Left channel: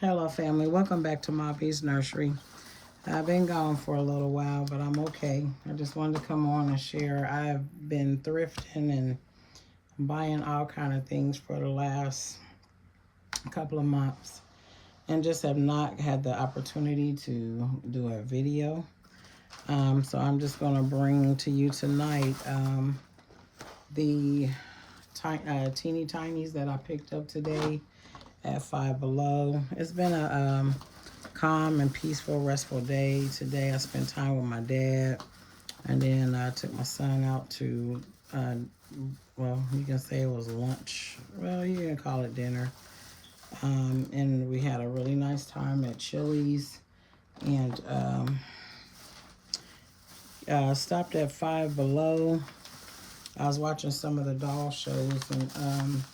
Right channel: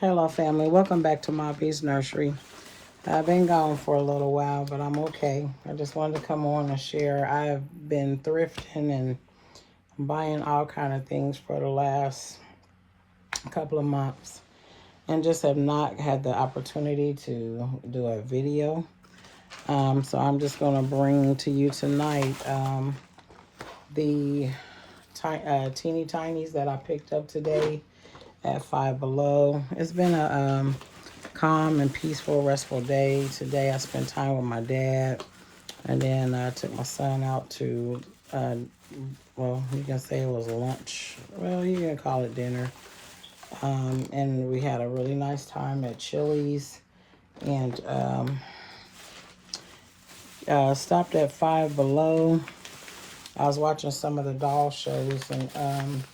Hello family, welcome back to my Beast Nursery. I've been gone for a little while, but I'm okay. I just wanted to come on and share. I've been thrifting and buying all kind of things for the last couple of months and just have not had the opportunity to do a video. So I'm just going to bring to you tonight the teeny tinies that I picked up today at Five Below. It's been a calm and peaceful, restful day. Today I spent time with my dad, and then I took my son out to, well, you can say it was lunch. Well, you can call it dinner. And we had a really nice time at Chili's, and stopped at Five Below. I was watching some of the doll shows, and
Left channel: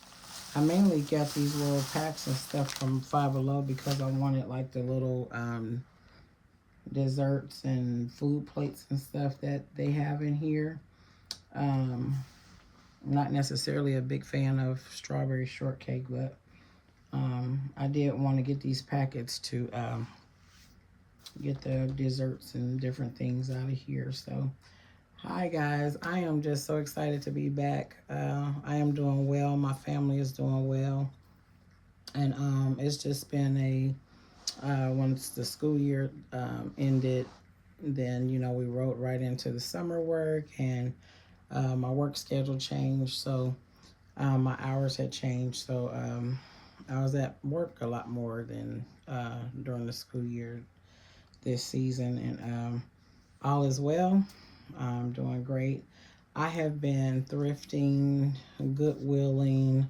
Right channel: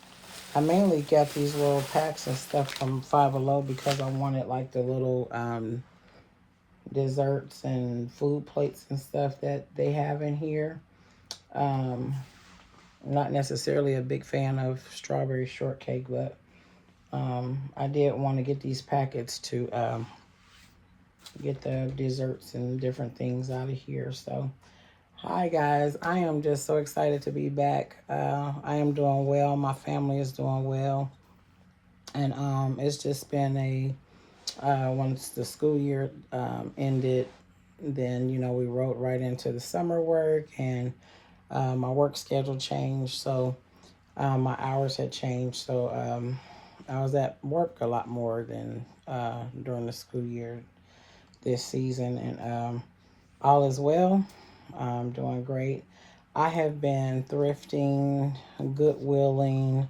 I mainly got these little packs and stuff from Five Below because I wanted like the little desserts and food plates and stuff that they have in here. Not necessarily a big fan of strawberry shortcake, but I did want to get these packets to get the desserts and different things out of here. So hi guys, I am just so excited to be back. I am doing well, my family is doing well, and it's just been once the school year ended, then we rode right into the summer work, and my work schedule changed, so my hours had changed, so I was at work a lot more than during the school year this season, and all is well. I'm doing great. I have been thrifting, goodwilling,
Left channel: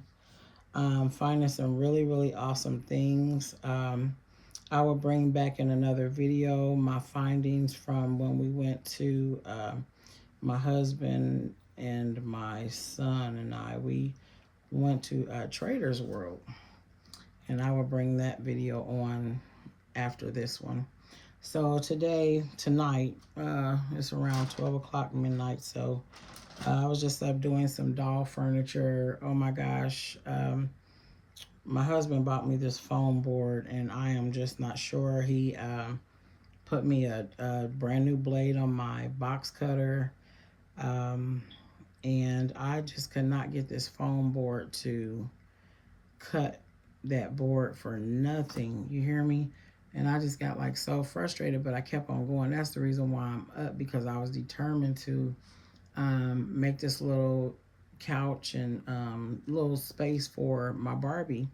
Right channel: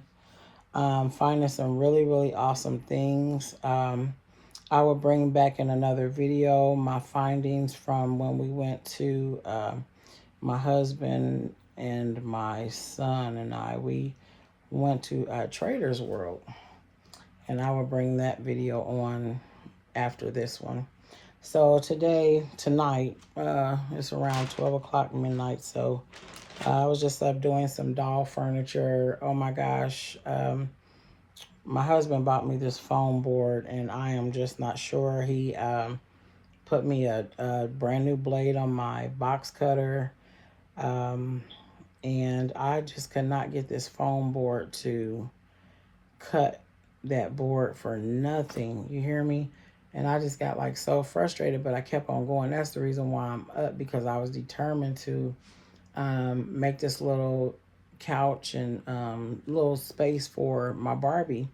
finding some really awesome things. I will bring back in another video my findings from when we went to my husband and my son and we went to Trader's World, and I will bring that video on after this one. So tonight, it's around 12 o'clock midnight, so I was just up doing some doll furniture. Oh my gosh, my husband bought me this foam board, and I am just not sure. He put me a brand new blade on my box cutter, and I just could not get this foam board to cut that board for nothing. You hear me? And I just got like so frustrated, but I kept on going. That's the reason why I'm up, because I was determined to make this little couch and little space for my Barbie.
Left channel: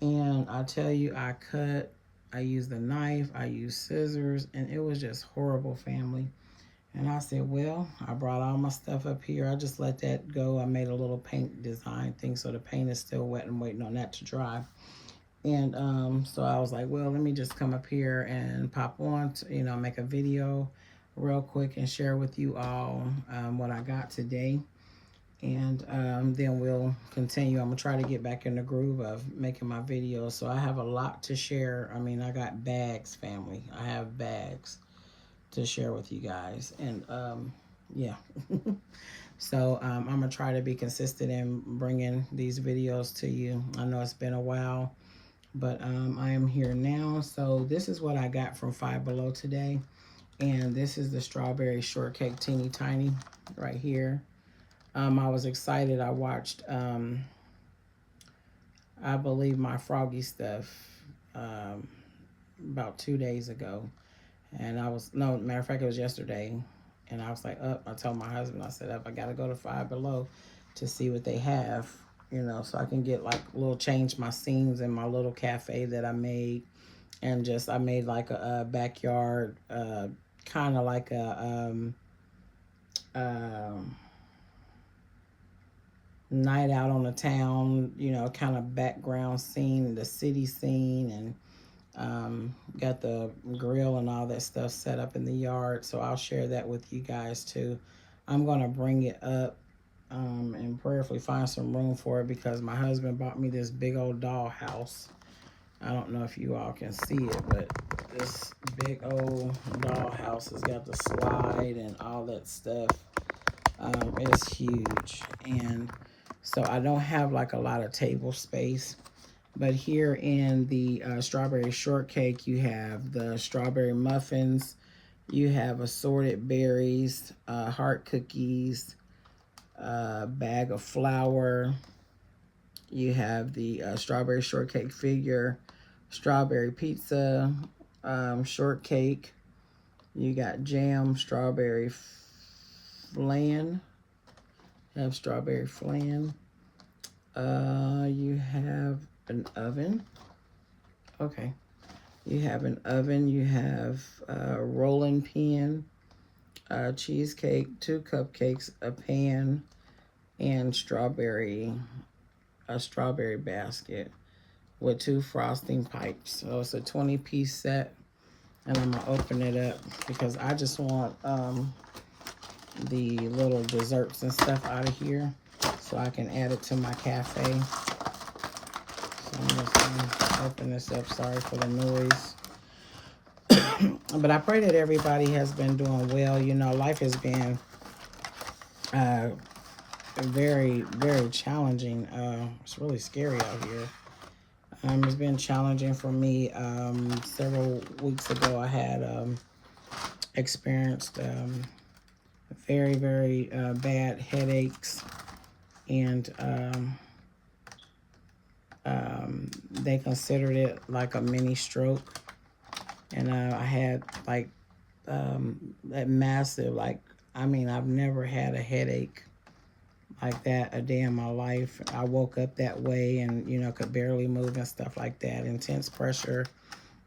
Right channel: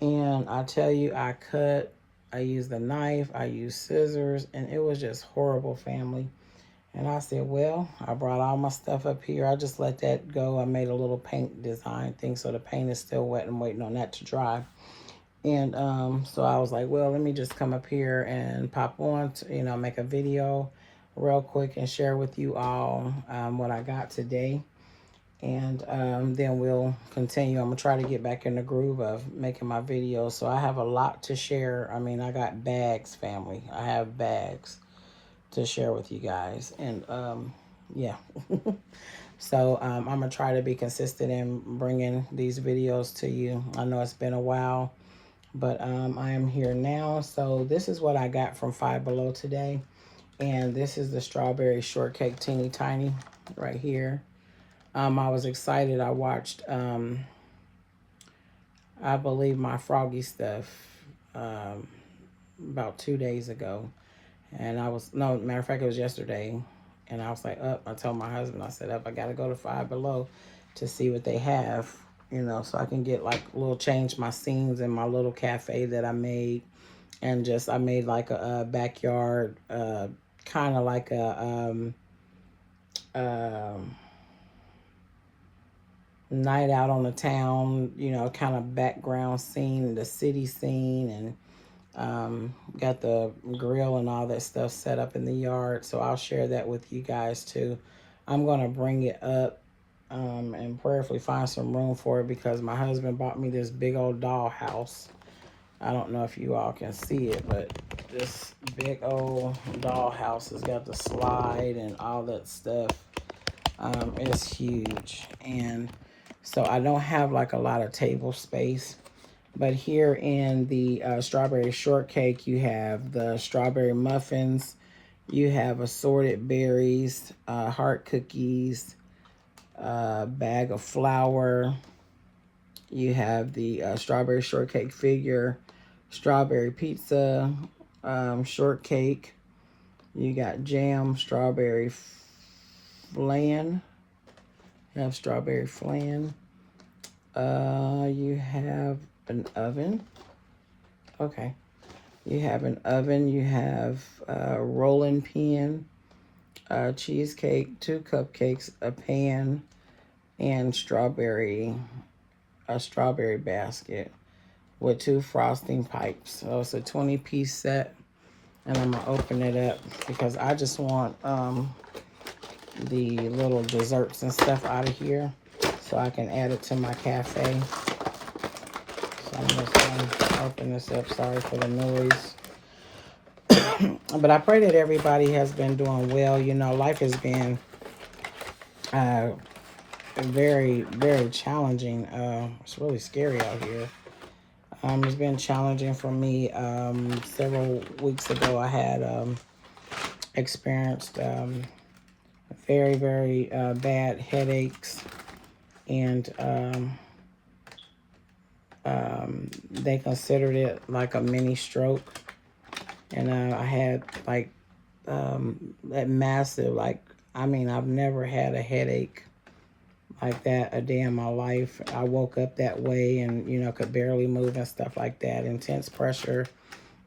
And I tell you, I used a knife, I used scissors, and it was just horrible, family. And I said, well, I brought all my stuff up here. I just let that go. I made a little paint design thing, so the paint is still wet and waiting on that to dry. And so I was like, well, let me just come up here and pop on to, make a video real quick and share with you all what I got today. And then we'll continue. I'm going to try to get back in the groove of making my videos. So I have a lot to share. I mean, I got bags, family. I have bags to share with you guys. And yeah. So I'm going to try to be consistent in bringing these videos to you. I know it's been a while, but I am here now. So this is what I got from Five Below today. And this is the strawberry shortcake teeny tiny right here. I was excited. I watched, I believe, my Froggy Stuff about 2 days ago. And no, matter of fact, it was yesterday. And I was like, I told my husband, I said, I got to go to Five Below to see what they have, so I can get like change my scenes in my little cafe that I made. And just, I made like a backyard, kind of like a night out on the town, kind of background scene, the city scene, and got the grill and all that stuff set up in the yard. So I'll share that with you guys too. I'm going to bring it up and prayerfully find some room for it, because my husband bought me this big old doll house. I don't know if you all can see it, but this big old doll house has got the slide and all that stuff. It's huge, and so I don't have like a lot of table space. But here in the strawberry shortcake, you have the strawberry muffins, you have assorted berries, heart cookies, bag of flour, you have the strawberry shortcake figure, strawberry pizza, shortcake, you got jam, strawberry flan, you have strawberry flan, you have an oven. Okay. You have an oven. You have a rolling pin, a cheesecake, 2 cupcakes, a pan, and a strawberry basket with 2 frosting pipes. So it's a 20-piece set. And I'm gonna open it up because I just want the little desserts and stuff out of here so I can add it to my cafe. So I'm just gonna open this up. Sorry for the noise. But I pray that everybody has been doing well. You know, life has been very, very challenging. It's really scary out here. It's been challenging for me. Several weeks ago, I had experienced very, very bad headaches, and they considered it like a mini stroke. And I had like that massive, like, I mean, I've never had a headache like that a day in my life. I woke up that way and, you know, could barely move and stuff like that. Intense pressure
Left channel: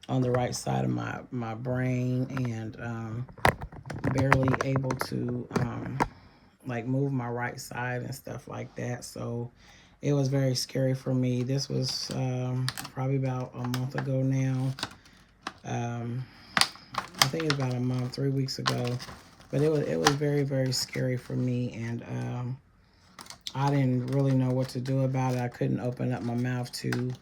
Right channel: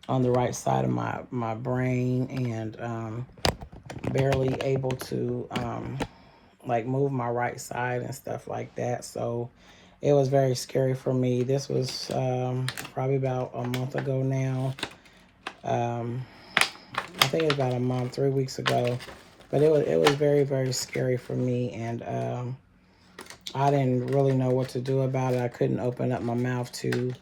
on the right side of my brain, and barely able to like move my right side and stuff like that. So it was very scary for me. This was probably about a month ago now. I think it was about a month, 3 weeks ago. But it was very, very scary for me, and I didn't really know what to do about it. I couldn't open up my mouth to,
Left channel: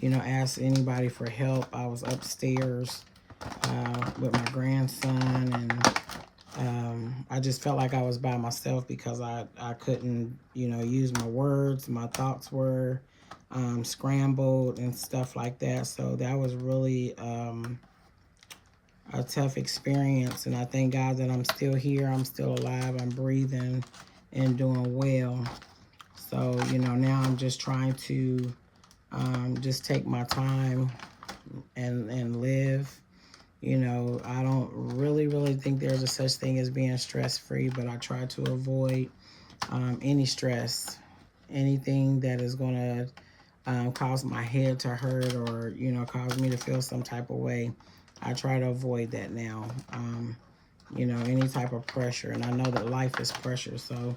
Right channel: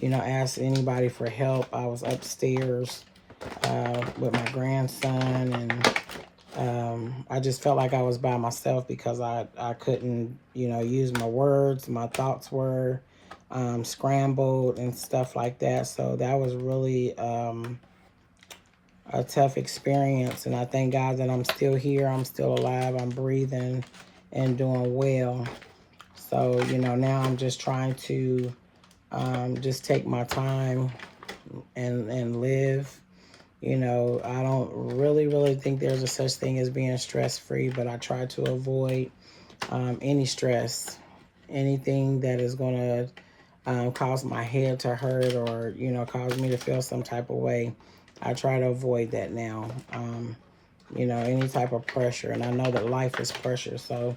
you know, ask anybody for help. I was upstairs with my grandson, and I just felt like I was by myself because I couldn't, you know, use my words. My thoughts were scrambled and stuff like that. So that was really a tough experience, and I thank God that I'm still here. I'm still alive. I'm breathing and doing well. So, you know, now I'm just trying to just take my time and live. You know, I don't really think there's a such thing as being stress-free, but I try to avoid any stress, anything that is going to cause my head to hurt or, you know, cause me to feel some type of way. I try to avoid that now. You know, any type of pressure, and I know that life is pressure. So,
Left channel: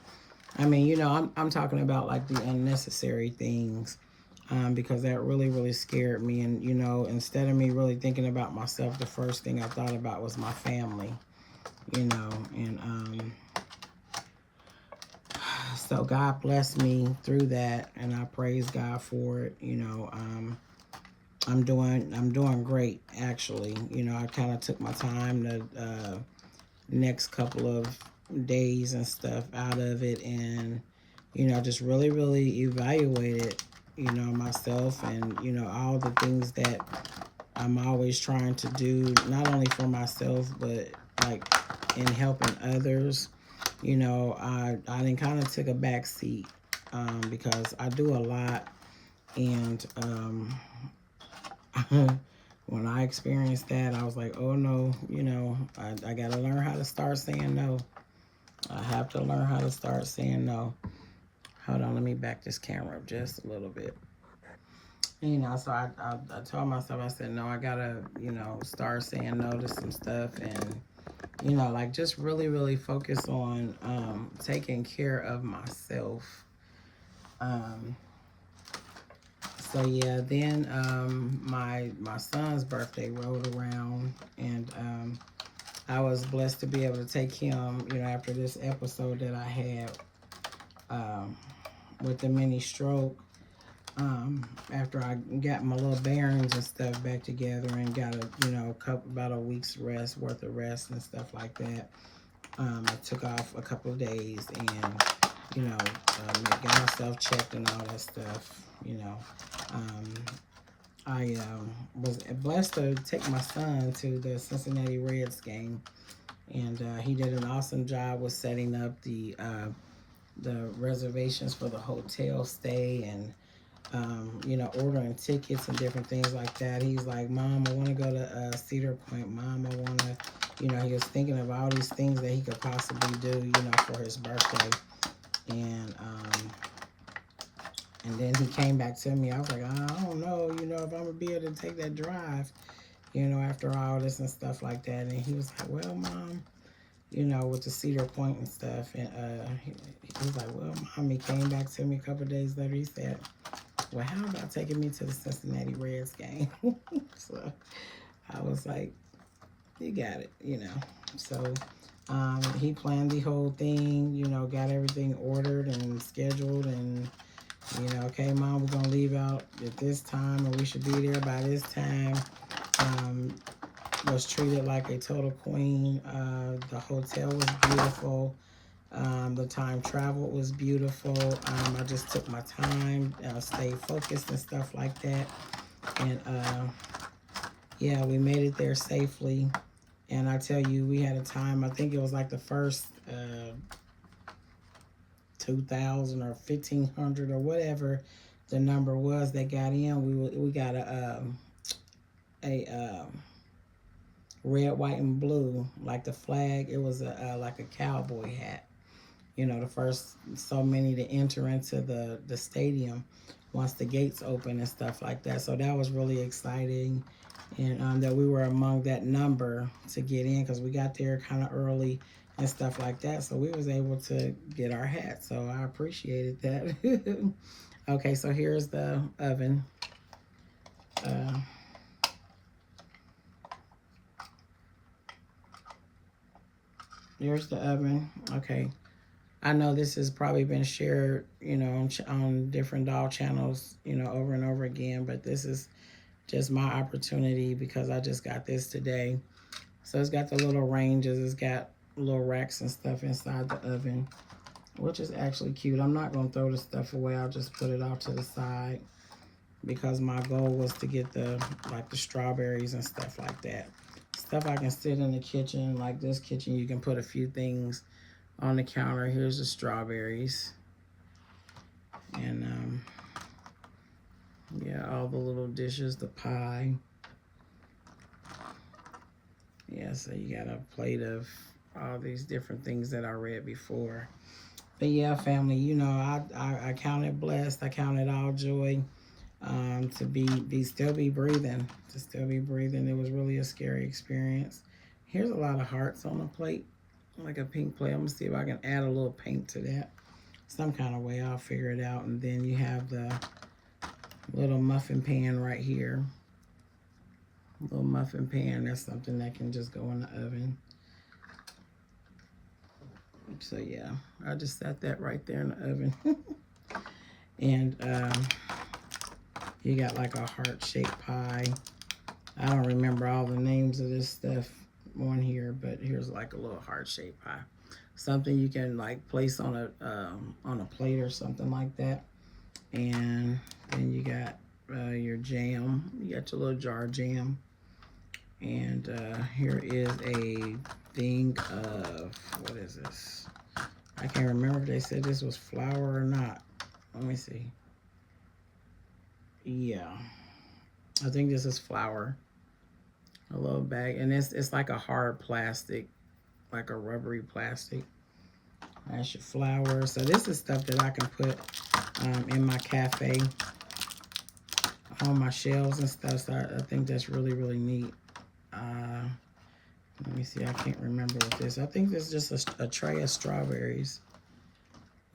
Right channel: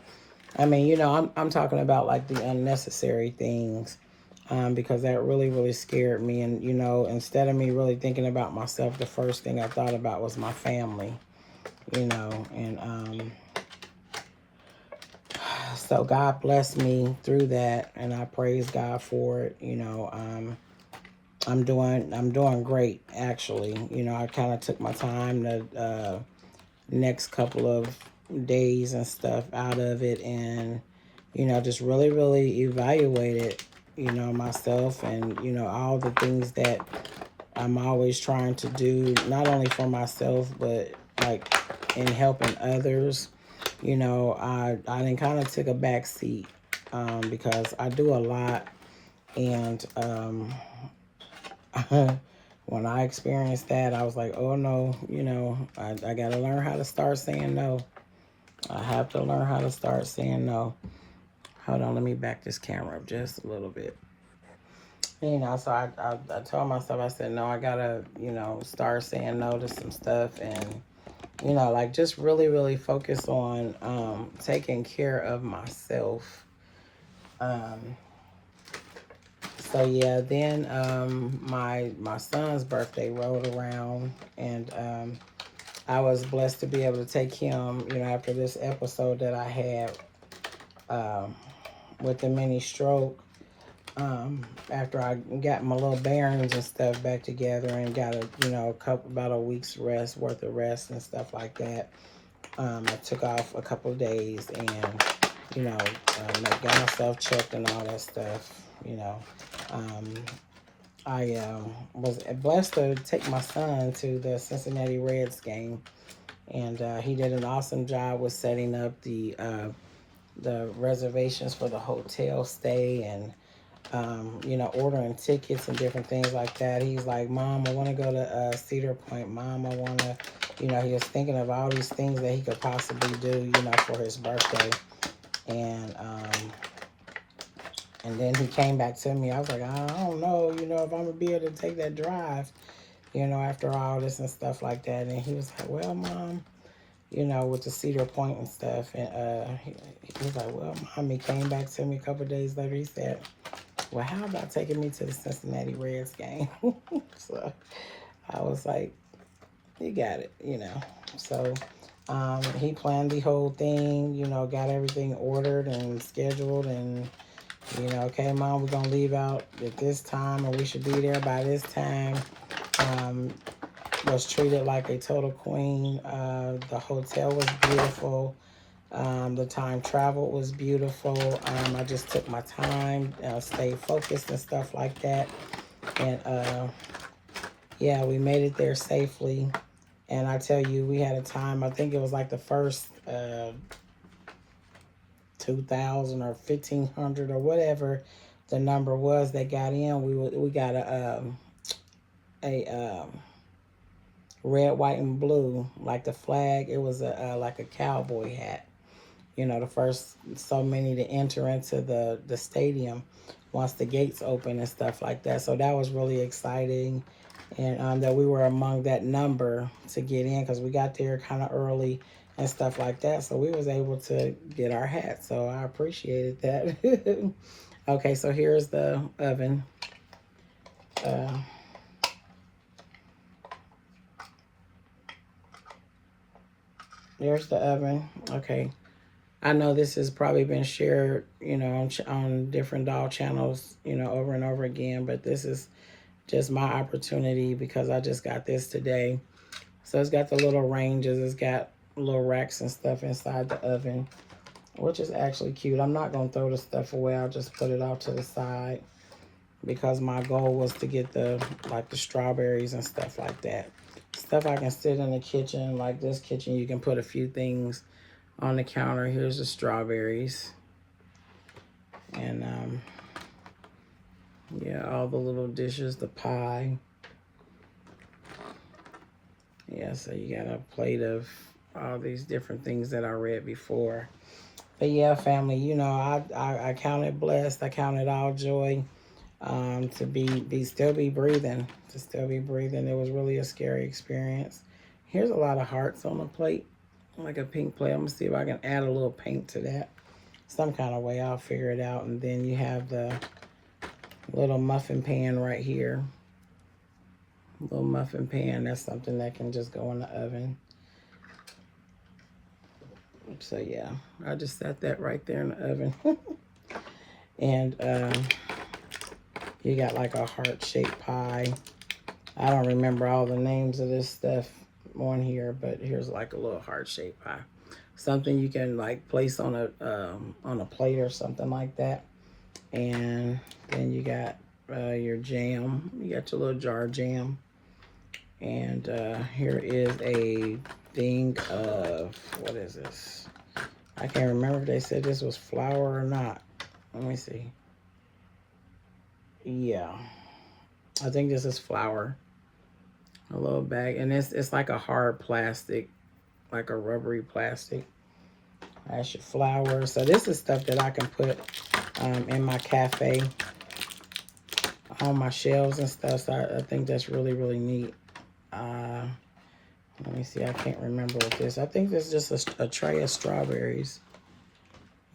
I mean, you know, I'm talking about like the unnecessary things, because that really scared me. And, you know, instead of me really thinking about myself, the first thing I thought about was my family, you know, and so God blessed me through that, and I praise God for it. You know, I'm doing great, actually. You know, I kind of took my time the next couple of days and stuff out of it, and, you know, just really evaluated, you know, myself, and, you know, all the things that I'm always trying to do, not only for myself, but like in helping others. You know, I then kind of took a back seat because I do a lot, and when I experienced that, I was like, oh no, you know, I got to learn how to start saying no. I have to learn how to start saying no. Hold on, let me back this camera up just a little bit. You know, so I told myself, I said, no, I got to, you know, start saying no to some stuff, and, you know, like just really focus on taking care of myself. So yeah, then my son's birthday rolled around, and I was blessed to be able to take him, you know, after this episode that I had with the mini stroke. After I got my little bearings and stuff back together and got about a week's worth of rest and stuff like that. I took off a couple of days, and, you know, got myself checked and all that stuff, you know. I was blessed to take my son to the Cincinnati Reds game, and he did an awesome job with setting up the reservations for the hotel stay and you know, ordering tickets and different things like that. He's like, Mom, I want to go to Cedar Point. Mom, I want to, you know, he was thinking of all these things that he could possibly do, you know, for his birthday. And then he came back to me. I was like, I don't know, you know, if I'm going to be able to take that drive, you know, after all this and stuff like that. And he was like, well, Mom, you know, with the Cedar Point and stuff. And he was like, well, Mom, he came back to me a couple of days later. He said, well, how about taking me to the Cincinnati Reds game? So I was like, you got it, you know. So he planned the whole thing, you know, got everything ordered and scheduled and, you know, okay, Mom, we're going to leave out at this time or we should be there by this time. Was treated like a total queen. The hotel was beautiful. The time travel was beautiful. I just took my time, stayed focused and stuff like that. And yeah, we made it there safely. And I tell you, we had a time, I think it was like the first 2,000 or 1,500 or whatever the number was that got in. We got a red, white, and blue, like the flag. It was like a cowboy hat. You know, the first so many to enter into the stadium once the gates open and stuff like that. So that was really exciting. And that we were among that number to get in because we got there kind of early and stuff like that. So we was able to get our hat. So I appreciated that. Okay, so here's the oven. There's the oven. Okay. I know this has probably been shared, you know, on different doll channels, you know, over and over again, but this is just my opportunity because I just got this today. So it's got the little ranges, it's got little racks and stuff inside the oven, which is actually cute. I'm not going to throw the stuff away. I'll just put it off to the side because my goal was to get the strawberries and stuff like that. Stuff I can sit in the kitchen, like this kitchen, you can put a few things on the counter. Here's the strawberries. And yeah, all the little dishes, the pie. Yeah, so you got a plate of all these different things that I read before. But yeah, family, you know, I count it blessed. I count it all joy to still be breathing. To still be breathing. It was really a scary experience. Here's a lot of hearts on the plate, like a pink plate. I'm gonna see if I can add a little paint to that. Some kind of way, I'll figure it out. And then you have the little muffin pan right here. Little muffin pan, that's something that can just go in the oven. So yeah, I just set that right there in the oven. And you got like a heart-shaped pie. I don't remember all the names of this stuff on here, but here's like a little heart-shaped pie. Something you can like place on a plate or something like that. And then you got your jam. You got your little jar of jam. And here is a thing of, what is this? I can't remember if they said this was flour or not. Let me see. Yeah, I think this is flour. A little bag, and it's like a hard plastic, like a rubbery plastic. That's your flour. So this is stuff that I can put in my cafe on my shelves and stuff. So I think that's really, really neat. Let me see. I can't remember what this. I think this is just a tray of strawberries.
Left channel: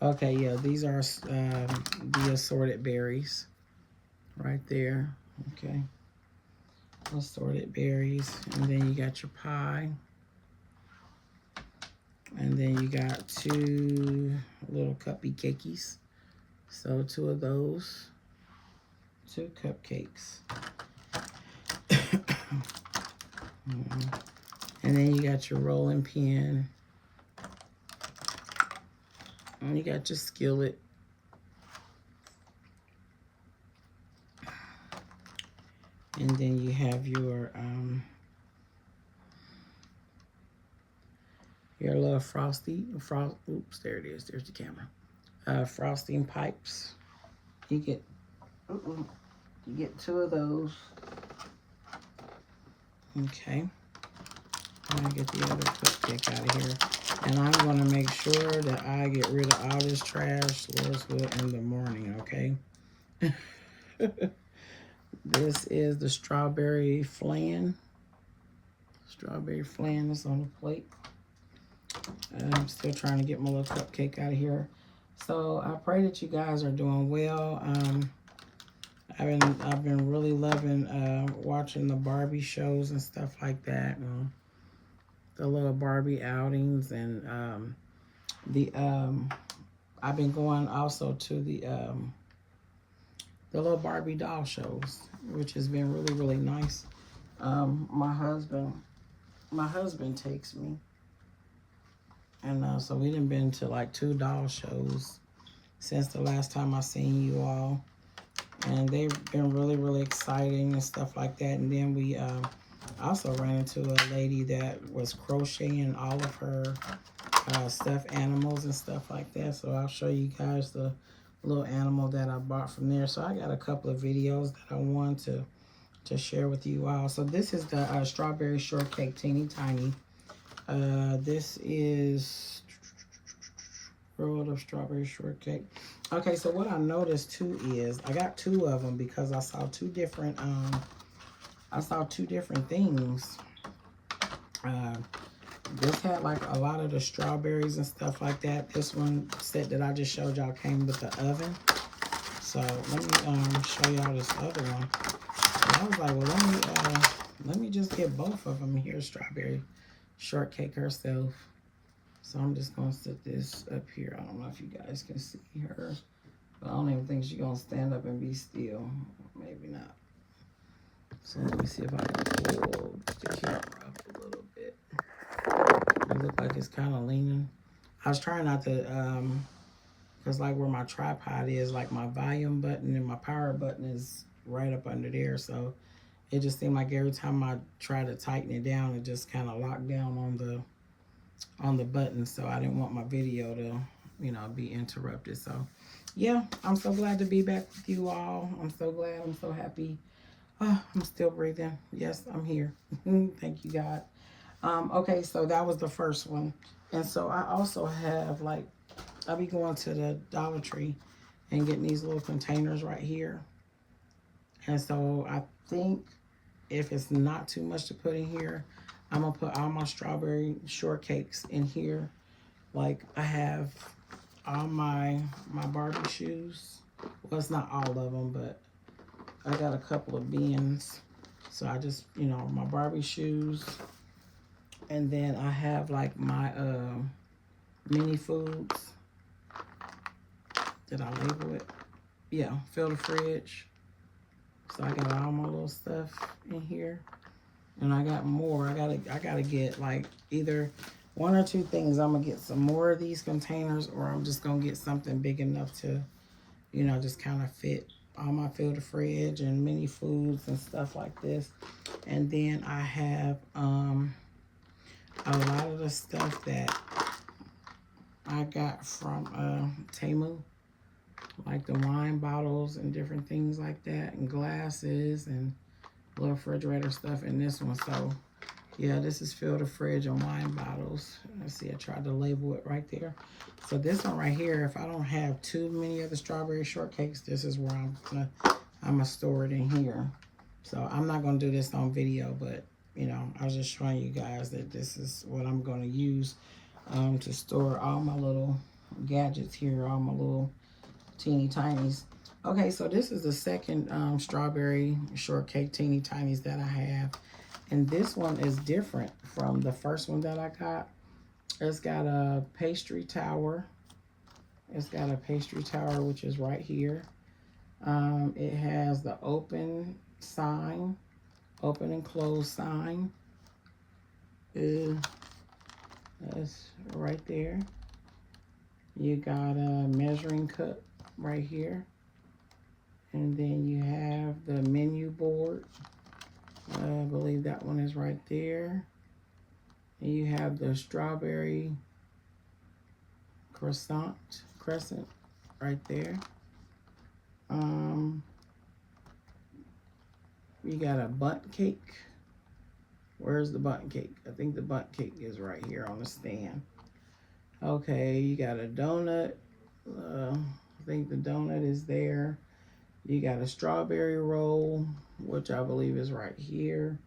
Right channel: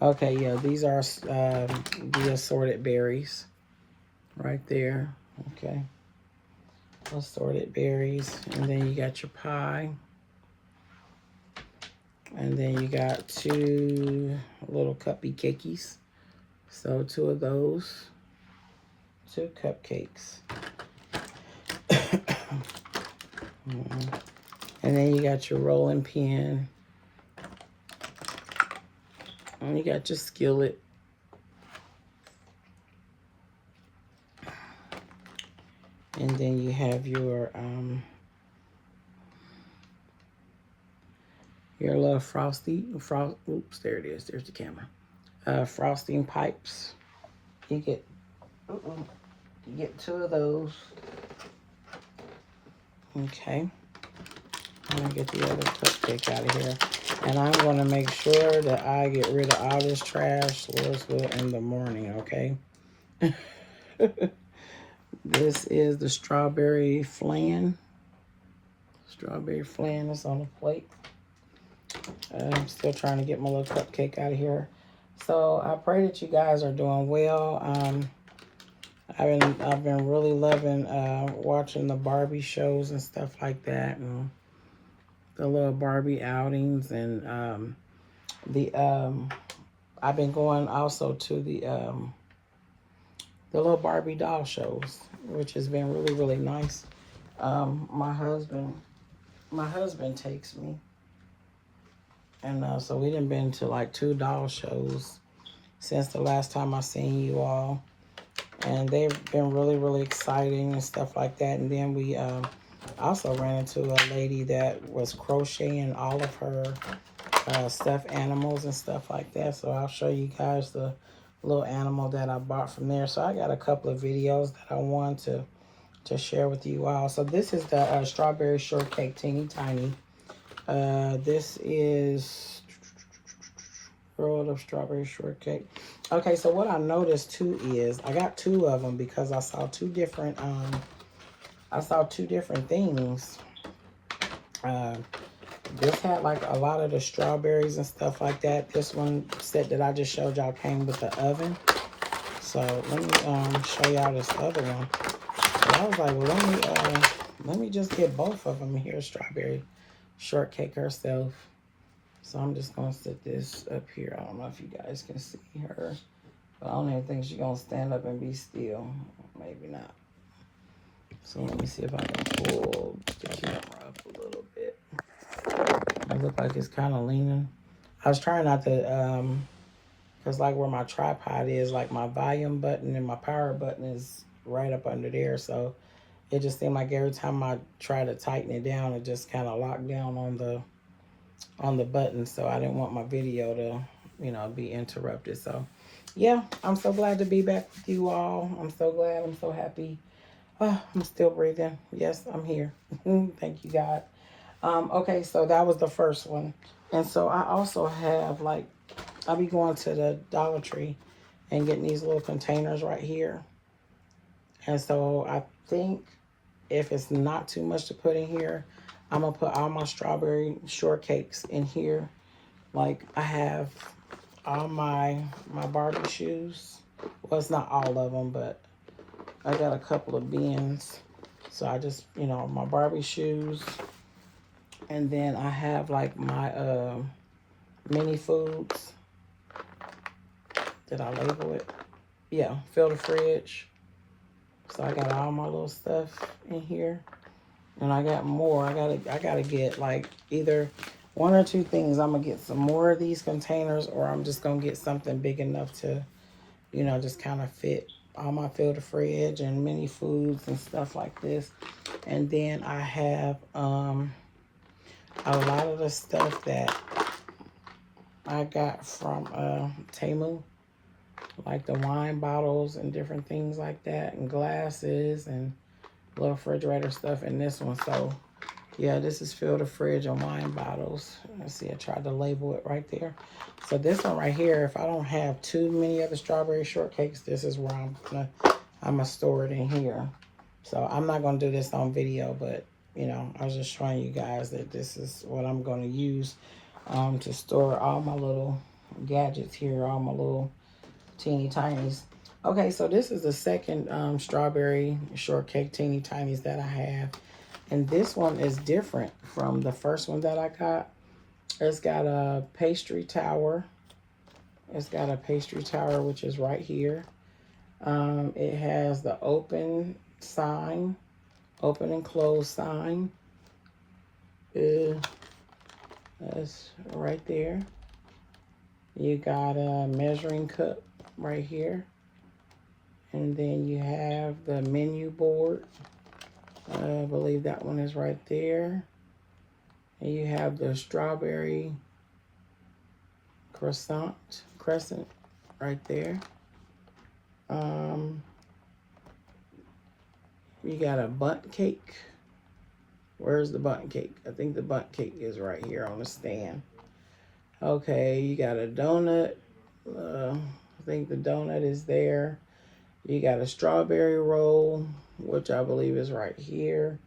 Okay, yeah, these are the assorted berries right there. Okay, assorted berries, and then you got your pie, and then you got 2 little cuppy cakeys. So 2 of those, 2 cupcakes. And then you got your rolling pin. And you got your skillet. And then you have your little oops, there it is. There's the camera. Frosting pipes. You get two of those. Okay. I'm gonna get the other cupcake out of here. And I'm gonna make sure that I get rid of all this trash, Lord's will, in the morning, okay? This is the strawberry flan. Strawberry flan is on the plate. I'm still trying to get my little cupcake out of here. So I pray that you guys are doing well. I've been really loving watching the Barbie shows and stuff like that, and the little Barbie outings, and I've been going also to the little Barbie doll shows, which has been really, really nice. My husband takes me, and so we done been to like 2 doll shows since the last time I seen you all, and they've been really, really exciting and stuff like that. And then we also ran into a lady that was crocheting all of her stuffed animals and stuff like that. So I'll show you guys the little animal that I bought from there. So I got a couple of videos that I want to share with you all. So this is the strawberry shortcake teeny tiny. This is rolled up strawberry shortcake. Okay, so what I noticed too is I got 2 of them because I saw 2 different things. This had like a lot of the strawberries and stuff like that. This one set that I just showed y'all came with the oven. So let me show y'all this other one. So I was like, well, let me just get both of them here. Strawberry shortcake herself. So I'm just gonna set this up here. I don't know if you guys can see her, but I don't even think she's gonna stand up and be still. Maybe not. So let me see if I can pull the camera up a little bit. It looks like it's kind of leaning. I was trying not to, because like where my tripod is, like my volume button and my power button is right up under there. So it just seemed like every time I try to tighten it down, it just kind of locked down on the button. So I didn't want my video to, be interrupted. So yeah, I'm so glad to be back with you all. I'm so glad. I'm so happy. Oh, I'm still breathing. Yes, I'm here. Thank you, God. Okay, so that was the first one. And so I also have, like, I'll be going to the Dollar Tree and getting these little containers right here. And so I think if it's not too much to put in here, I'm going to put all my strawberry shortcakes in here. Like, I have all my Barbie shoes. Well, it's not all of them, but I got a couple of bins. So I just, my Barbie shoes. And then I have like my mini foods. Did I label it? Yeah, fill the fridge. So I got all my little stuff in here. And I got more. I gotta get like either 1 or 2 things. I'm gonna get some more of these containers, or I'm just gonna get something big enough to, just kind of fit all my fill the fridge and mini foods and stuff like this. And then I have a lot of the stuff that I got from Temu, like the wine bottles and different things like that, and glasses and little refrigerator stuff in this one. So yeah, this is fill the fridge and wine bottles. Let's see, I tried to label it right there. So this one right here, if I don't have too many of the strawberry shortcakes, this is where I'm gonna store it in here. So I'm not gonna do this on video, but I was just showing you guys that this is what I'm going to use to store all my little gadgets here, all my little teeny tinies. Okay, so this is the second strawberry shortcake teeny tinies that I have. And this one is different from the first one that I got. It's got a pastry tower. It's got a pastry tower, which is right here. It has the open sign. Open and close sign. That's right there. You got a measuring cup right here. And then you have the menu board I believe that one is right there. And you have the strawberry crescent right there. You got a bundt cake. Where's the bundt cake? I think the bundt cake is right here on the stand. Okay, you got a donut. I think the donut is there. You got a strawberry roll, which I believe is right here.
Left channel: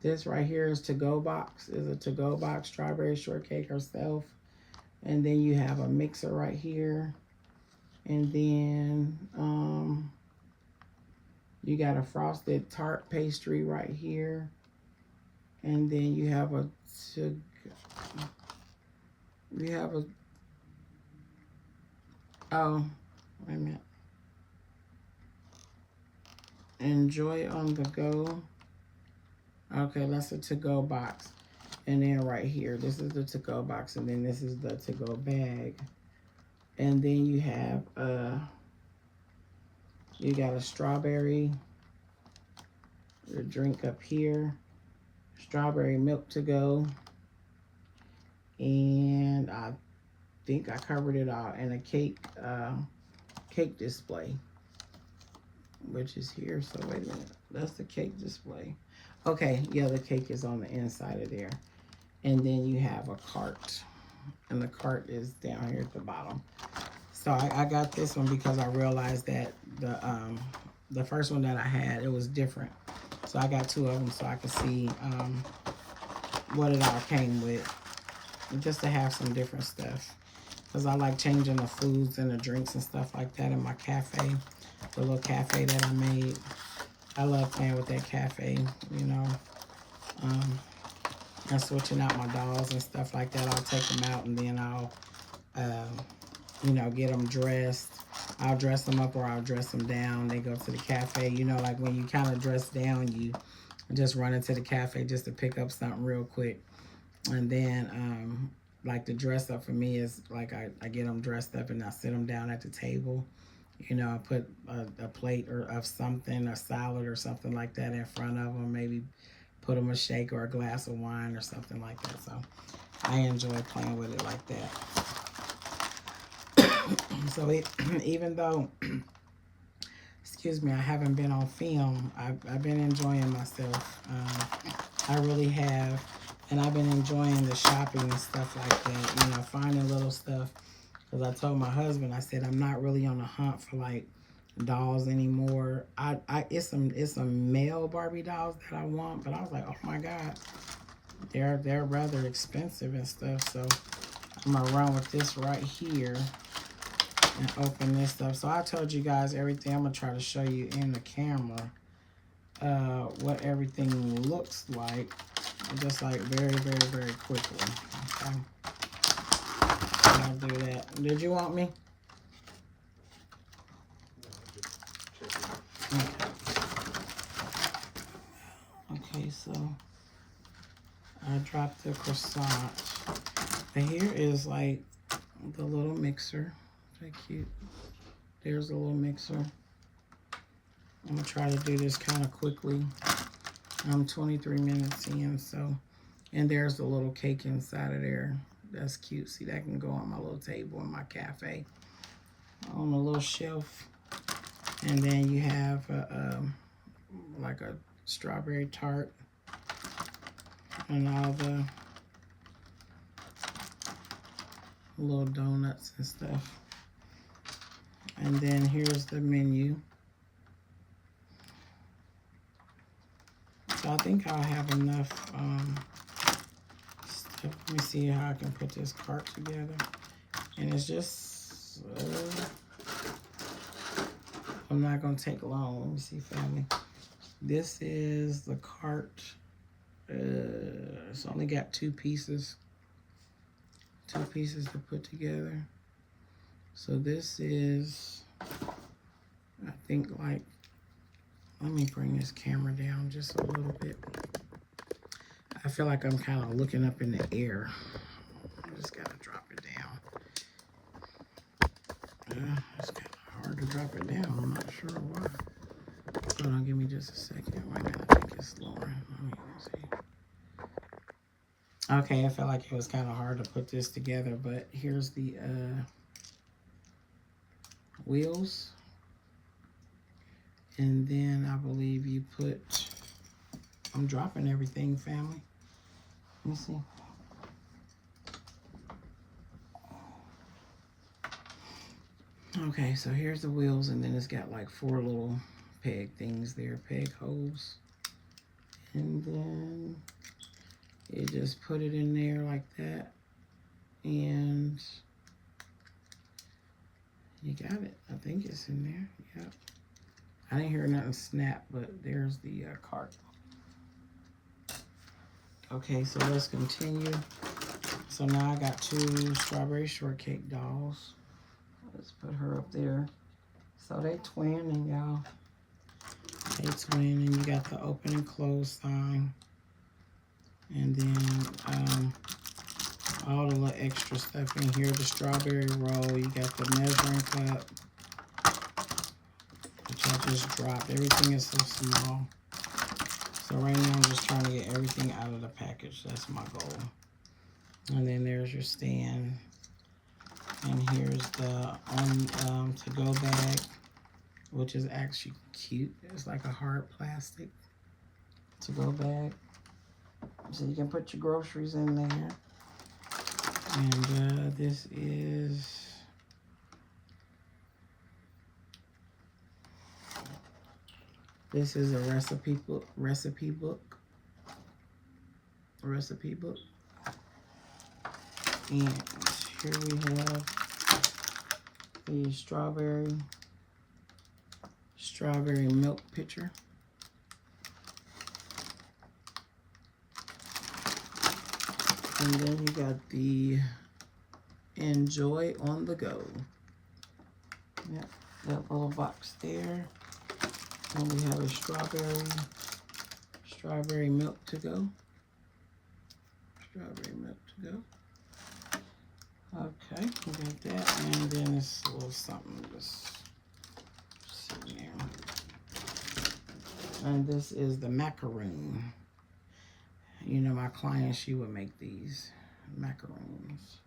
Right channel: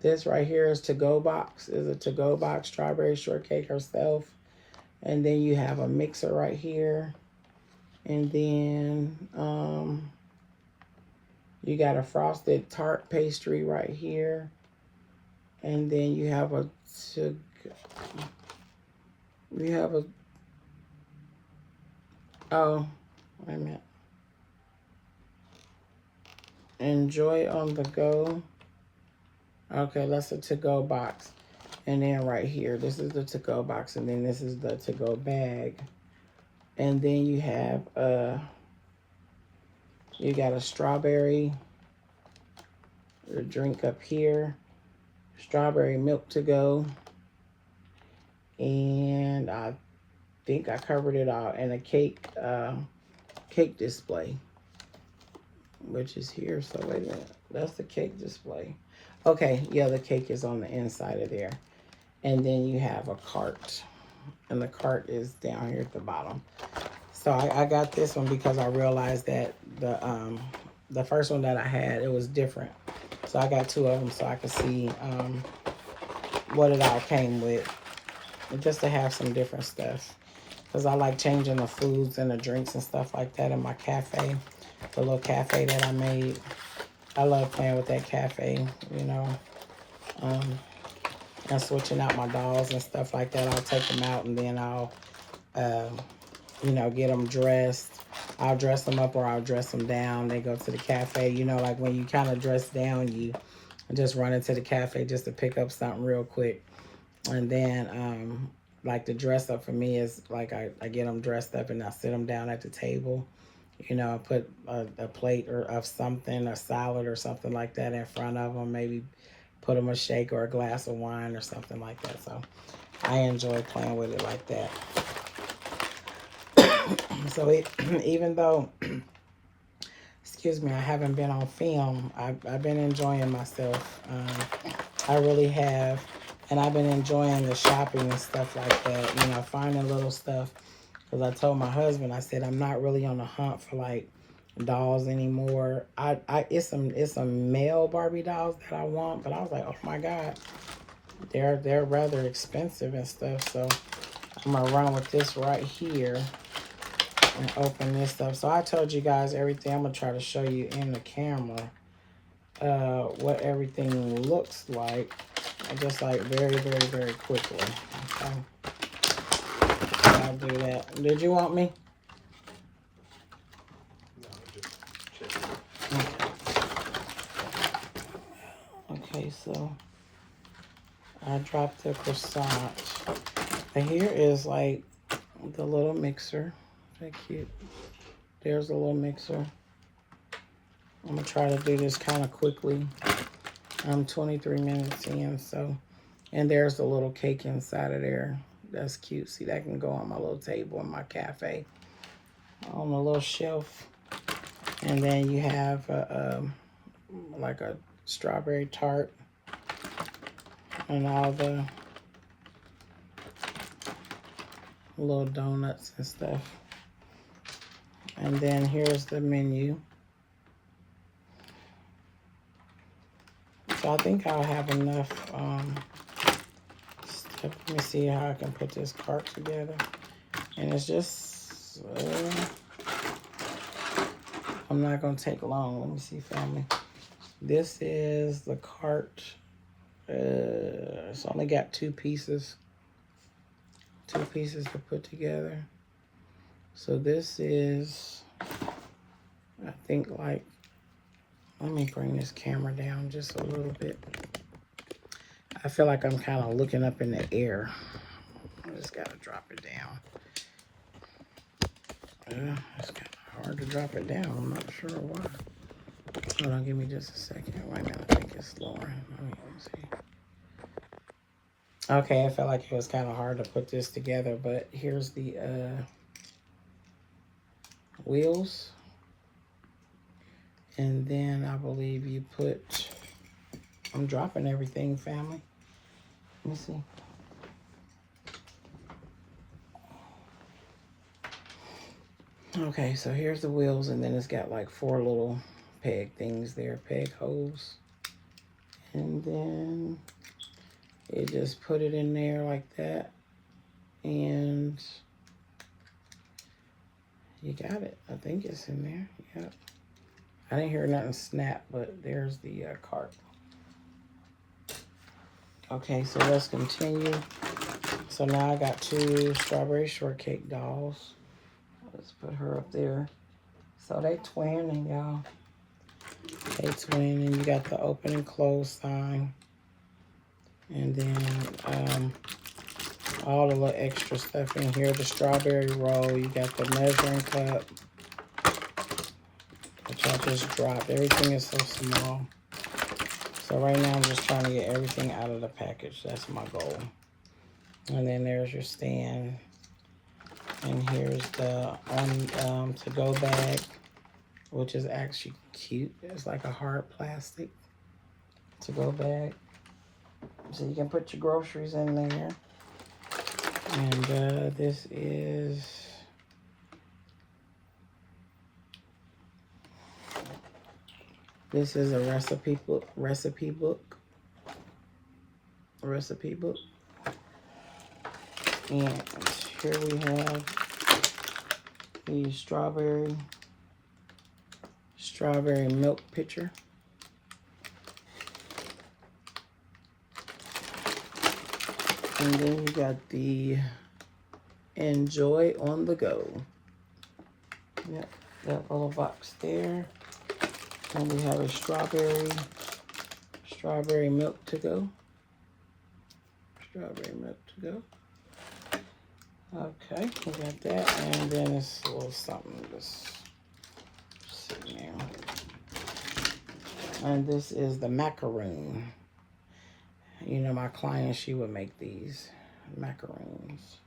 This right here is to-go box. Is a to-go box, strawberry shortcake herself. And then you have a mixer right here. And then you got a frosted tart pastry right here. And then you have a oh, wait a minute. Enjoy on the go. Okay, that's a to-go box. And then right here, this is the to-go box, and then this is the to-go bag. And then you have you got a strawberry drink up here, strawberry milk to go, and I think I covered it all, and a cake display, which is here. So wait a minute, that's the cake display. Okay, yeah, the cake is on the inside of there. And then you have a cart, and the cart is down here at the bottom. So I got this one because I realized that the first one that I had, it was different. So I got two of them so I could see what it all came with, and just to have some different stuff. Because I like changing the foods and the drinks and stuff like that in my cafe, the little cafe that I made. I love playing with that cafe, you know, and switching out my dolls and stuff like that. I'll take them out and then I'll, you know, get them dressed. I'll dress them up or I'll dress them down. They go to the cafe, you know, like when you kind of dress down, you just run into the cafe just to pick up something real quick. And then, like the dress up for me is like I get them dressed up and I sit them down at the table. You know, I put a plate of something, a salad or something like that in front of them. Maybe put them a shake or a glass of wine or something like that. So I enjoy playing with it like that. So even though, excuse me, I haven't been on film, I've been enjoying myself. I really have. And I've been enjoying the shopping and stuff like that, you know, finding little stuff. Because I told my husband, I said, I'm not really on the hunt for, like, dolls anymore. It's some male Barbie dolls that I want. But I was like, oh, my God. They're rather expensive and stuff. So I'm going to run with this right here and open this up. So I told you guys everything. I'm going to try to show you in the camera what everything looks like. Just like very, very, very quickly. Okay. I'll do that. Did you want me? Okay, so I dropped the croissant. And here is like the little mixer. Very cute. There's a little mixer. I'm gonna try to do this kind of quickly. I'm 23 minutes in, so, and there's a little cake inside of there. That's cute. See, that can go on my little table in my cafe on a little shelf. And then you have like a strawberry tart and all the little donuts and stuff. And then here's the menu. So I think I'll have enough stuff. Let me see how I can put this cart together. And it's just, I'm not going to take long. Let me see, family. This is the cart. It's only got two pieces. Two pieces to put together. So this is, I think, like, let me bring this camera down just a little bit. I feel like I'm kind of looking up in the air. I just got to drop it down. It's kind of hard to drop it down. I'm not sure why. Hold on, give me just a second. Wait a minute, I think it's Lauren. Let me see. Okay, I felt like it was kind of hard to put this together, but here's the wheels. And then I believe you put, I'm dropping everything, family. Let me see. Okay, so here's the wheels, and then it's got like 4 little peg things there, peg holes. And then you just put it in there like that, and you got it. I think it's in there. Yep. I didn't hear nothing snap, but there's the cart. Okay, so let's continue. So now I got 2 strawberry shortcake dolls. Let's put her up there. So they twinning, y'all. They twin, and you got the open and close sign. And then all the little extra stuff in here. The strawberry roll. You got the measuring cup, which I just dropped. Everything is so small. So right now I'm just trying to get everything out of the package. That's my goal. And then there's your stand. And here's the to-go bag, which is actually cute. It's like a hard plastic to-go bag. So you can put your groceries in there. And this is a recipe book. And here we have the strawberry milk pitcher. And then we got the Enjoy on the Go. Yep, that little box there. And we have a strawberry milk to go. Strawberry milk to go. Okay, we got that. And then it's a little something just sitting there. And this is the macaroon. You know, my client, she would make these macaroons.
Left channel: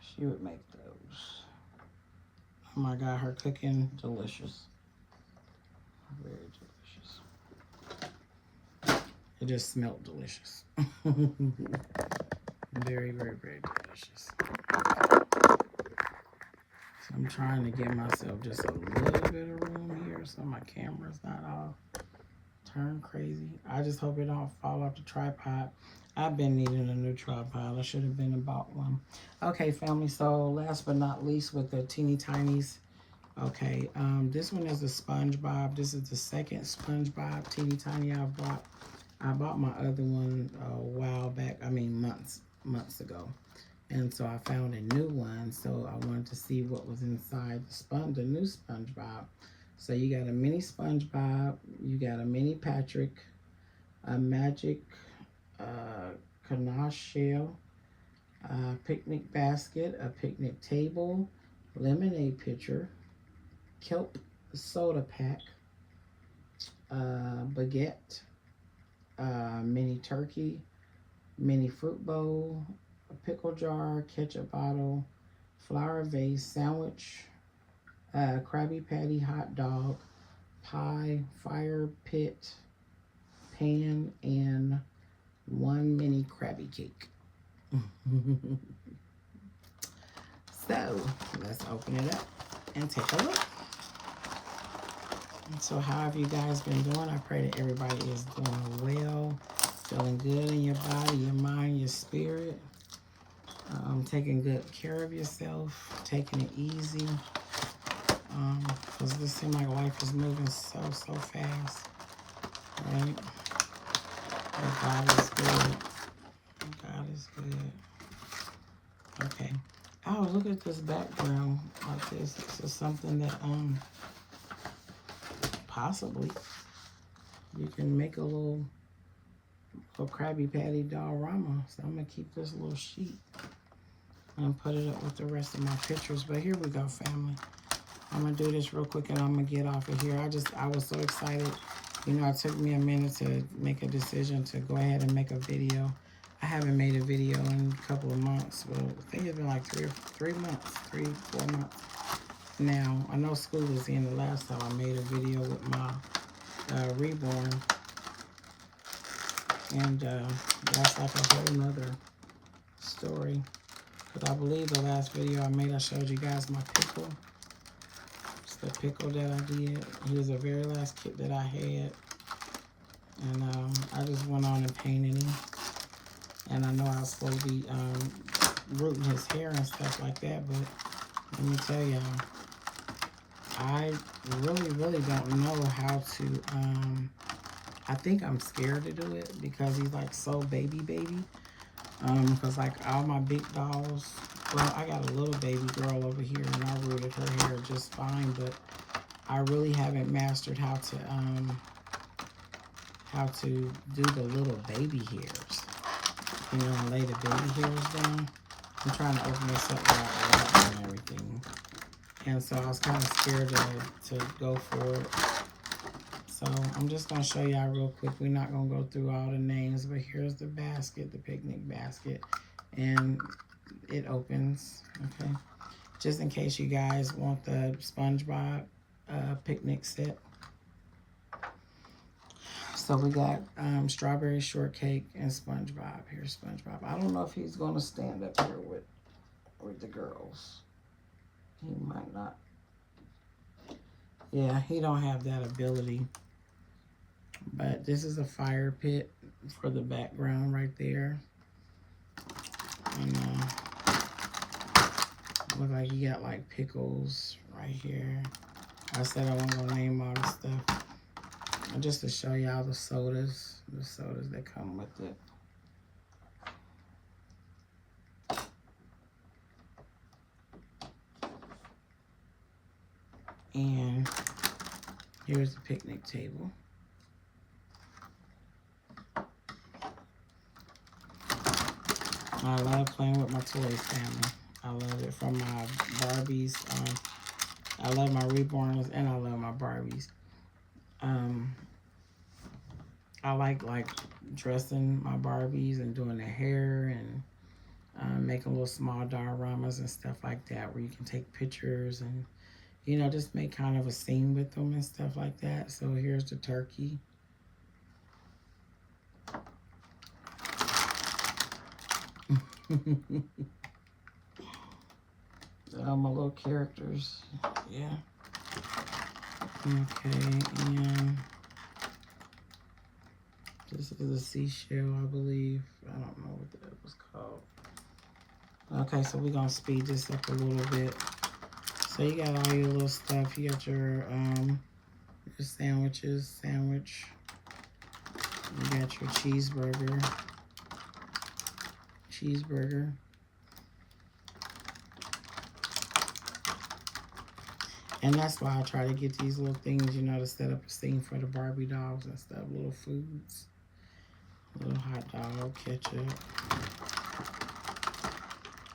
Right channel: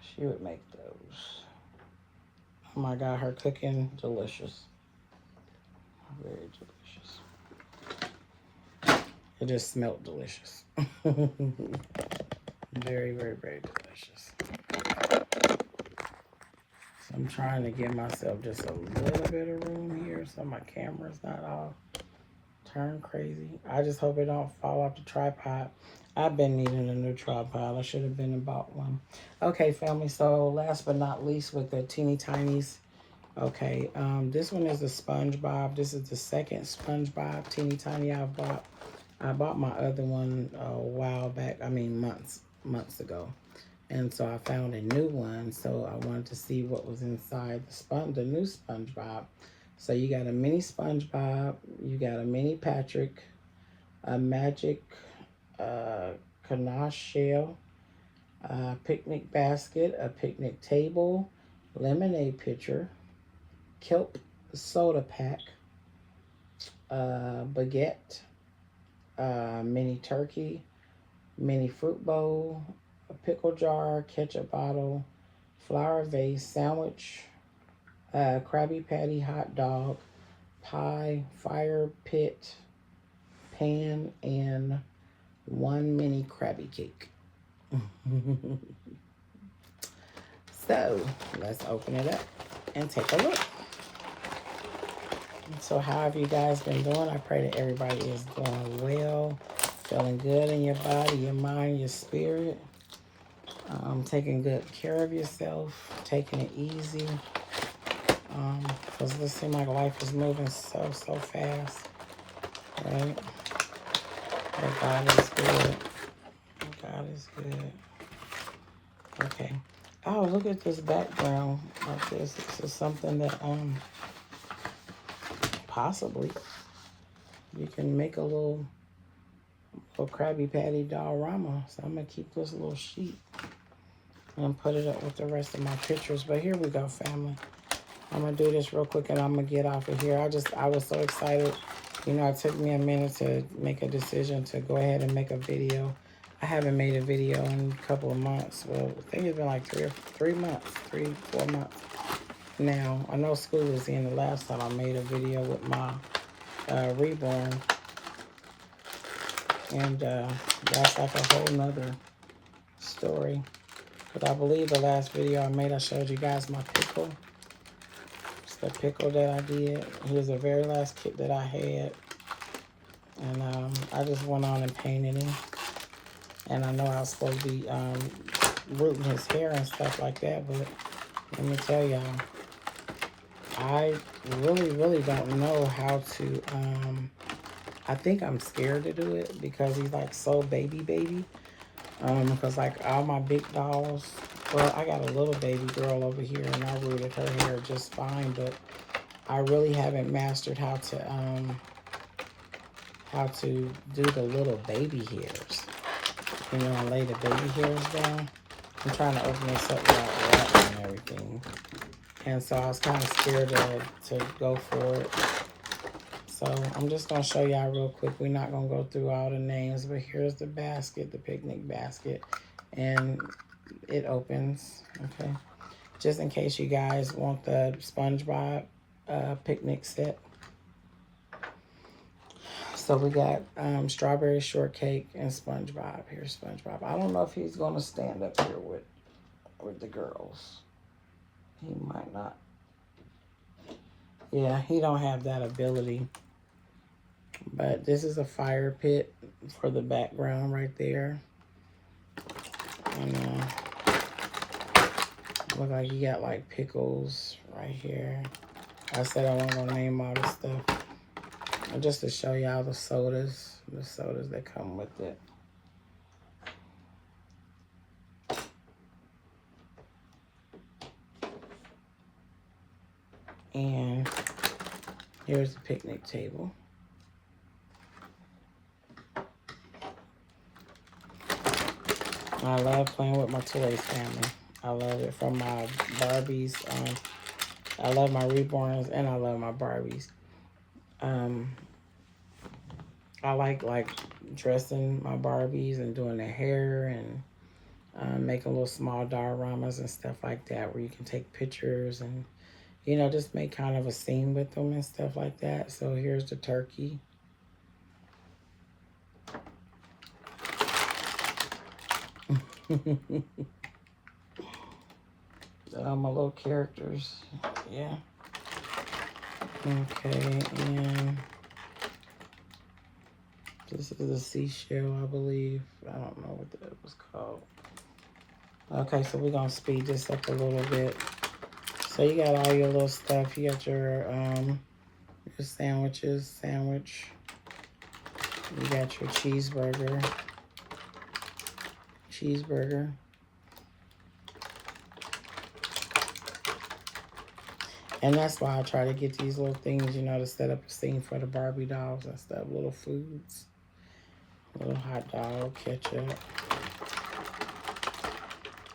She would make those. Oh my God, her cooking, delicious. Very delicious. It just smelled delicious. Very, very, very delicious. So I'm trying to give myself just a little bit of room here so my camera's not all turned crazy. I just hope it don't fall off the tripod. I've been needing a new tripod. I should have been and bought one. Okay, family, so last but not least with the teeny tinies. Okay, this one is a SpongeBob. This is the second SpongeBob teeny tiny I've bought. I bought my other one a while back. I mean, months ago. And so I found a new one. So I wanted to see what was inside the new SpongeBob. So you got a mini SpongeBob. You got a mini Patrick. A magic ganache shell. A picnic basket. A picnic table. Lemonade pitcher. Kelp soda pack. Baguette. Mini turkey. Mini fruit bowl, a pickle jar, ketchup bottle, flower vase, sandwich, Krabby Patty hot dog, pie, fire pit, pan, and 1 mini Krabby cake. So let's open it up and take a look. So how have you guys been doing? I pray that everybody is doing well. Feeling good in your body, your mind, your spirit. Taking good care of yourself. Taking it easy. Because it seems like life is moving so fast. Right? But God is good. God is good. Okay. Oh, look at this background like this. This is something that possibly you can make a little Krabby Patty diorama. So I'm gonna keep this little sheet and put it up with the rest of my pictures. But here we go, family. I'm going to do this real quick and I'm going to get off of here. I was so excited. You know, it took me a minute to make a decision to go ahead and make a video. I haven't made a video in a couple of months. Well, I think it's been like 3 months, 4 months. Now, I know school was in the last time I made a video with my reborn. And that's like a whole nother story. But I believe the last video I made, I showed you guys my pickle. It's the pickle that I did. Here's the very last kit that I had. And I just went on and painted him. And I know I was supposed to be rooting his hair and stuff like that. But let me tell y'all, I really don't know how to... I think I'm scared to do it because he's like so baby. Because like all my big dolls, well, I got a little baby girl over here and I rooted her hair just fine, but I really haven't mastered how to do the little baby hairs. You know, and lay the baby hairs down. I'm trying to open this up without wrapping and everything. And so I was kind of scared to go for it. So I'm just going to show y'all real quick. We're not going to go through all the names, but here's the basket, the picnic basket. And it opens, okay? Just in case you guys want the SpongeBob picnic set. So we got strawberry shortcake and SpongeBob. Here's SpongeBob. I don't know if he's going to stand up here with the girls. He might not. Yeah, he don't have that ability. But this is a fire pit for the background right there. And look like you got like pickles right here. I said I wasn't gonna name all this stuff. And just to show y'all the sodas that come with it. And here's the picnic table. I love playing with my toys, family. I love it, from my Barbies. I love my reborns and I love my Barbies. I like dressing my Barbies and doing their hair and making little small dioramas and stuff like that where you can take pictures and, you know, just make kind of a scene with them and stuff like that. So here's the turkey. My little characters, yeah. Okay, and this is a seashell, I believe. I don't know what that was called. Okay, so we're gonna speed this up a little bit. So you got all your little stuff. You got your sandwiches, You got your cheeseburger. And that's why I try to get these little things, you know, to set up a scene for the Barbie dolls and stuff. Little foods. Little hot dog, ketchup.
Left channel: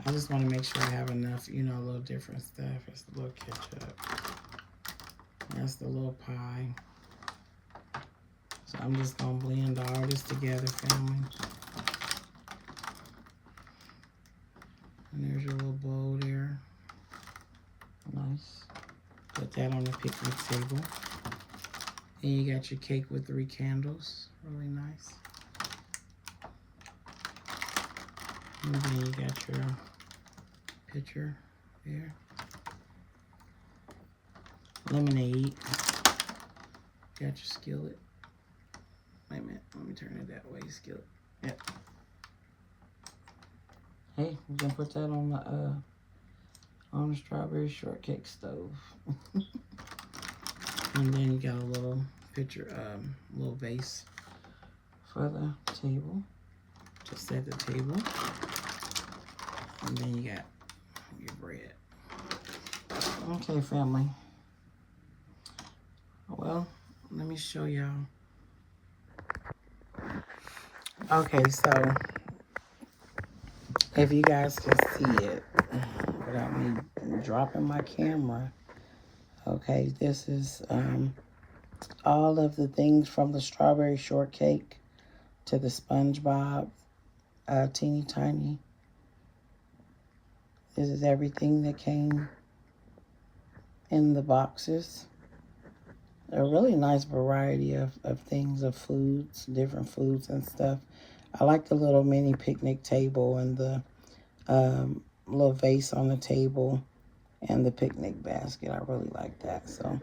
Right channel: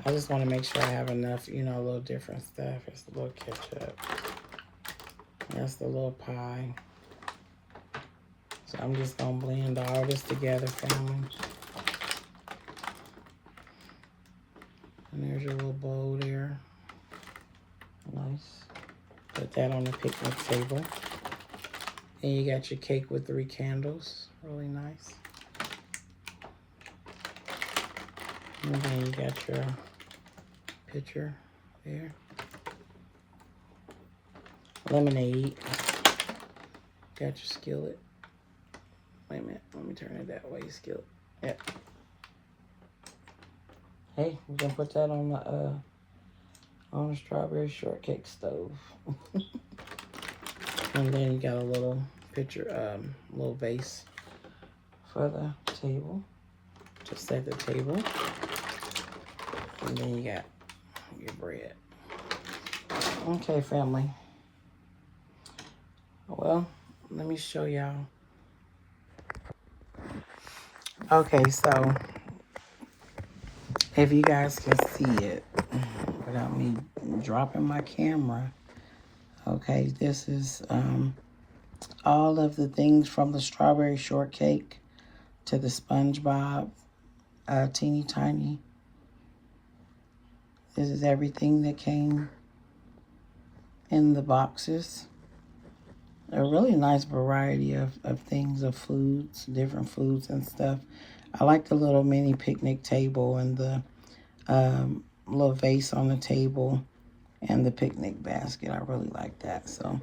I just want to make sure I have enough, you know, a little different stuff. It's a little ketchup. That's the little pie. So I'm just going to blend all this together, family. And there's your little bowl there. Nice. Put that on the picnic table. And you got your cake with 3 candles. Really nice. And then you got your pitcher there. Lemonade. Got your skillet. Wait a minute. Let me turn it that way. Skillet. Yep. Hey, we can put that on the strawberry shortcake stove. And then you got a little pitcher, little vase for the table. To set the table. And then you got your bread. Okay, family. Well, let me show y'all. Okay, so if you guys can see it without me dropping my camera, Okay, this is all of the things from the strawberry shortcake to the SpongeBob teeny tiny. This is everything that came in the boxes. A really nice variety of things, of foods, different foods and stuff. I like the little mini picnic table and the little vase on the table and the picnic basket. I really like that. So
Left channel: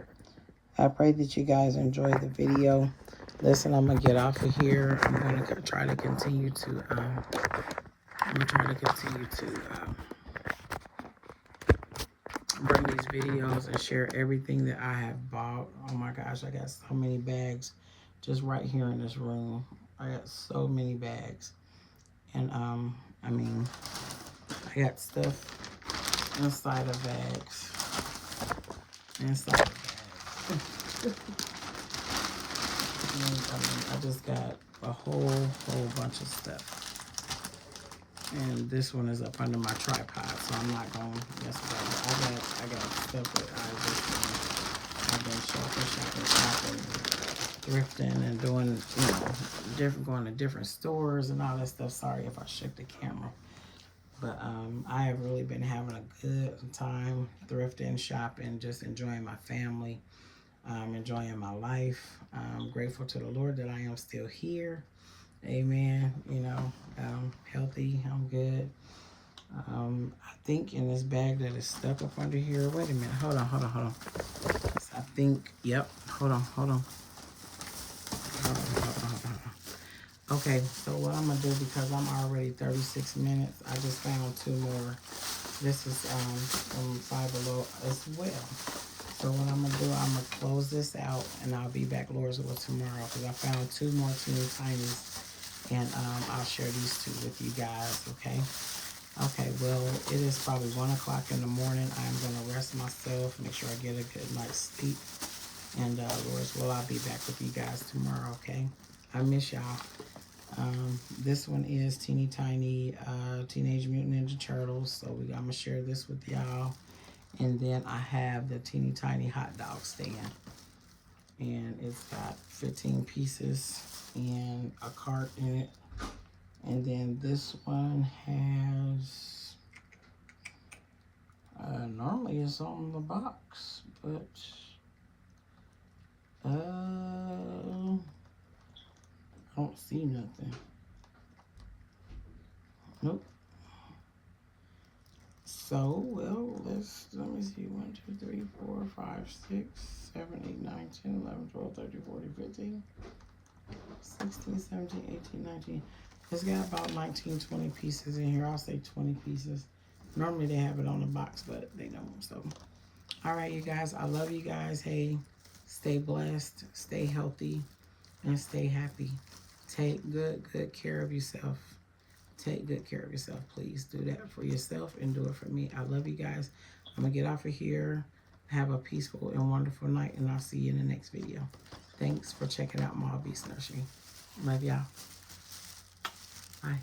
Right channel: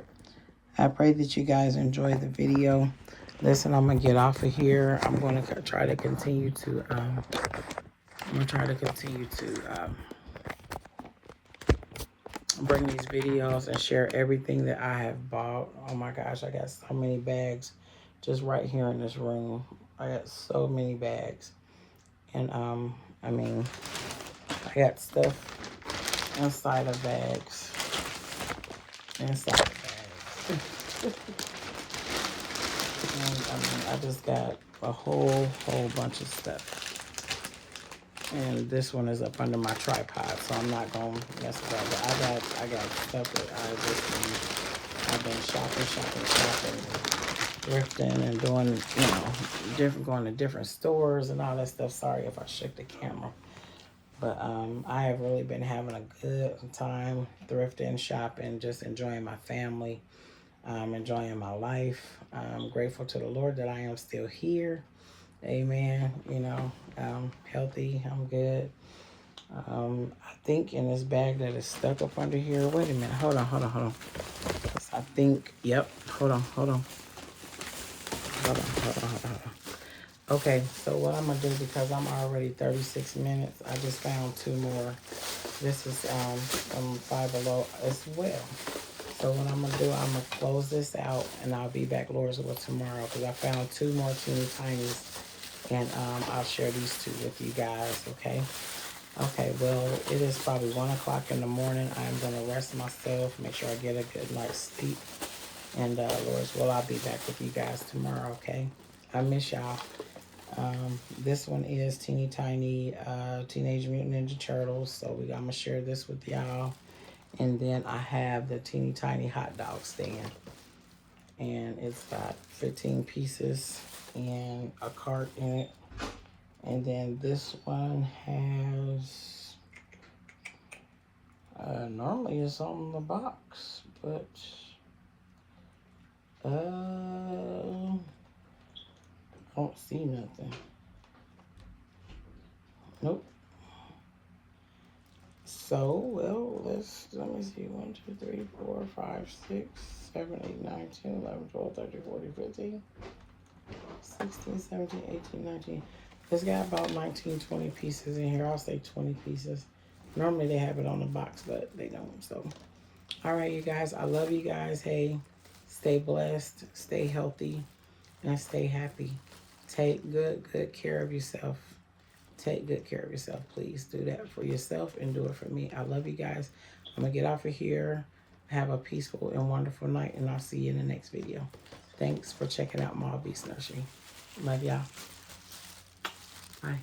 I pray that you guys enjoy the video. Listen, I'm gonna get off of here. I'm gonna try to continue to bring these videos and share everything that I have bought. Oh my gosh, I got so many bags just right here in this room. I got so many bags. And I mean, I got stuff inside of bags. Inside of bags. And, I just got a whole bunch of stuff. And this one is up under my tripod, so I'm not gonna mess with that. But I got stuff that I've been shopping, thrifting, and doing, going to different stores and all that stuff. Sorry if I shook the camera, but I have really been having a good time thrifting, shopping, just enjoying my family, enjoying my life. I'm grateful to the Lord that I am still here. Amen. I'm healthy. I'm good. I think in this bag that is stuck up under here. Wait a minute. Hold on. I think, yep. Hold on. Okay, so what I'm going to do, because I'm already 36 minutes, I just found 2 more. This is from Five Below as well. So what I'm going to do, I'm going to close this out, and I'll be back, Lord's will, tomorrow, because I found 2 more teeny tinies. And I'll share these 2 with you guys, okay? Okay, well, it is probably 1 o'clock in the morning. I'm going to rest myself, make sure I get a good night's sleep. And Lord's will, I'll be back with you guys tomorrow, okay? I miss y'all. This one is Teeny Tiny Teenage Mutant Ninja Turtles. So I'm going to share this with y'all. And then I have the Teeny Tiny Hot Dog Stand. And it's got 15 pieces and a cart in it. And then this one has, normally it's on the box, but, I don't see nothing. Nope. So, well, let me see, 1, 2, 3, 4, 5, 6, 7, 8, 9, 10, 11, 12, 13, 14, 15, 16, 17, 18, 19. It's got about 19, 20 pieces in here. I'll say 20 pieces. Normally they have it on the box, but they don't. So, all right, you guys. I love you guys. Hey, stay blessed, stay healthy, and stay happy. Take good care of yourself. Take good care of yourself. Please do that for yourself and do it for me. I love you guys. I'm going to get off of here. Have a peaceful and wonderful night, and I'll see you in the next video. Thanks for checking out Maul Beast Nursery. Love y'all. Bye.